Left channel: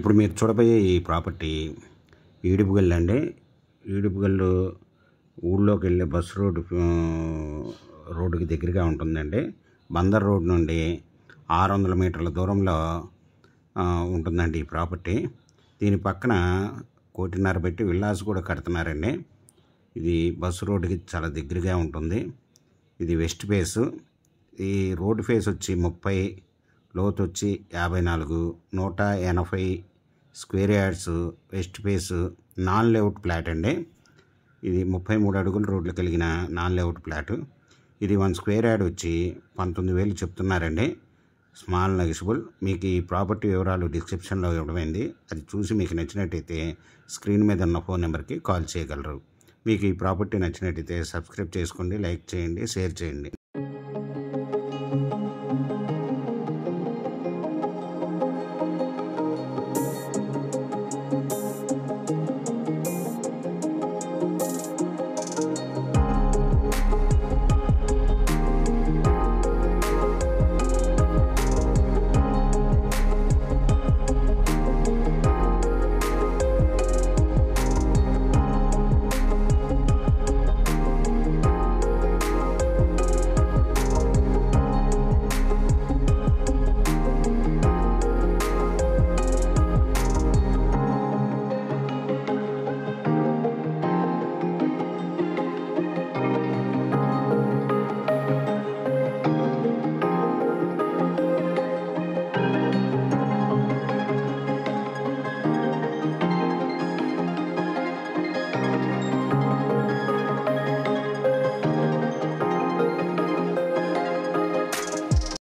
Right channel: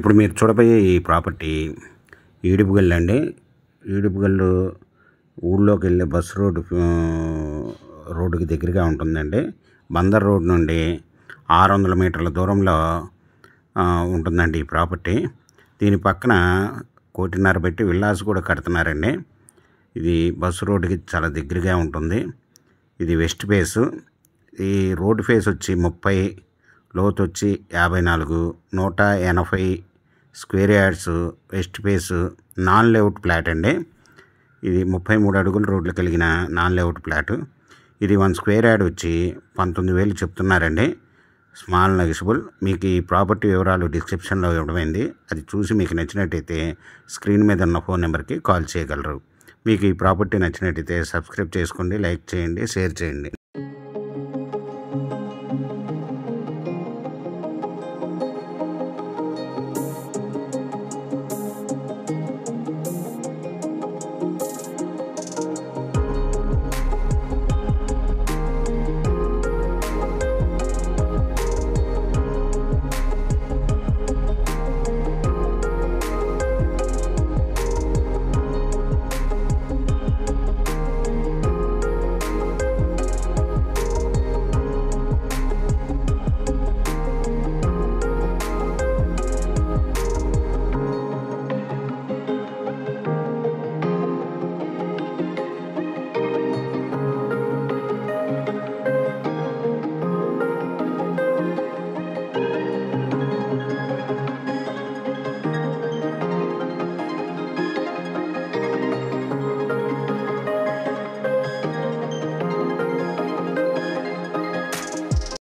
ఇప్పుడు మీరు చూడబోయే ఈ ప్రాపర్టీ ఈడుపుగల్లు అండి. ఈడుపుగల్లు ఊళ్ళోకి వెళ్ళే బస్ రోడ్డుకి దగ్గరగా ఉంటుందండి. బందర్ రోడ్ నుండి 600 మీటర్ల దూరంలో ఉంటుందండి ఈ ప్రాపర్టీ. దీని పక్కన 1.5 కోటి పెట్టి విల్లాస్ కూడా కడుతున్నారండి. ఇది బస్సు రోడ్డుకి చాలా దగ్గరగా ఉంటుంది. ఇది వెస్ట్ ఫేసు. ఈ రోడ్డు ఫేస్ వచ్చి 30, లోతు వచ్చి 54, 180 square yards west face non layout plot అండి. ఇది 33 అడుగుల రోడ్లు కలిగిన నాన్ లేఅవుట్ ప్లాటు. ఇది 1 స్క్వేర్ యార్డ్ వచ్చి 19,000 చెప్తున్నారండి. Small negotiable. మీకు ఈ ప్రాపర్టీ వివరాలు డిస్క్రిప్షన్లో ఇవ్వడమైంది. అది చూసి మీకు నచ్చినట్టయితే స్క్రీన్ మీద ఉన్న ఫోన్ నెంబర్కి కాల్ చేయగలరు. మీకు ఈ ప్రాపర్టీ నచ్చినట్టయితే సబ్స్క్రైబ్ చేసుకోండి, లైక్ చేయండి, షేర్ చేయండి.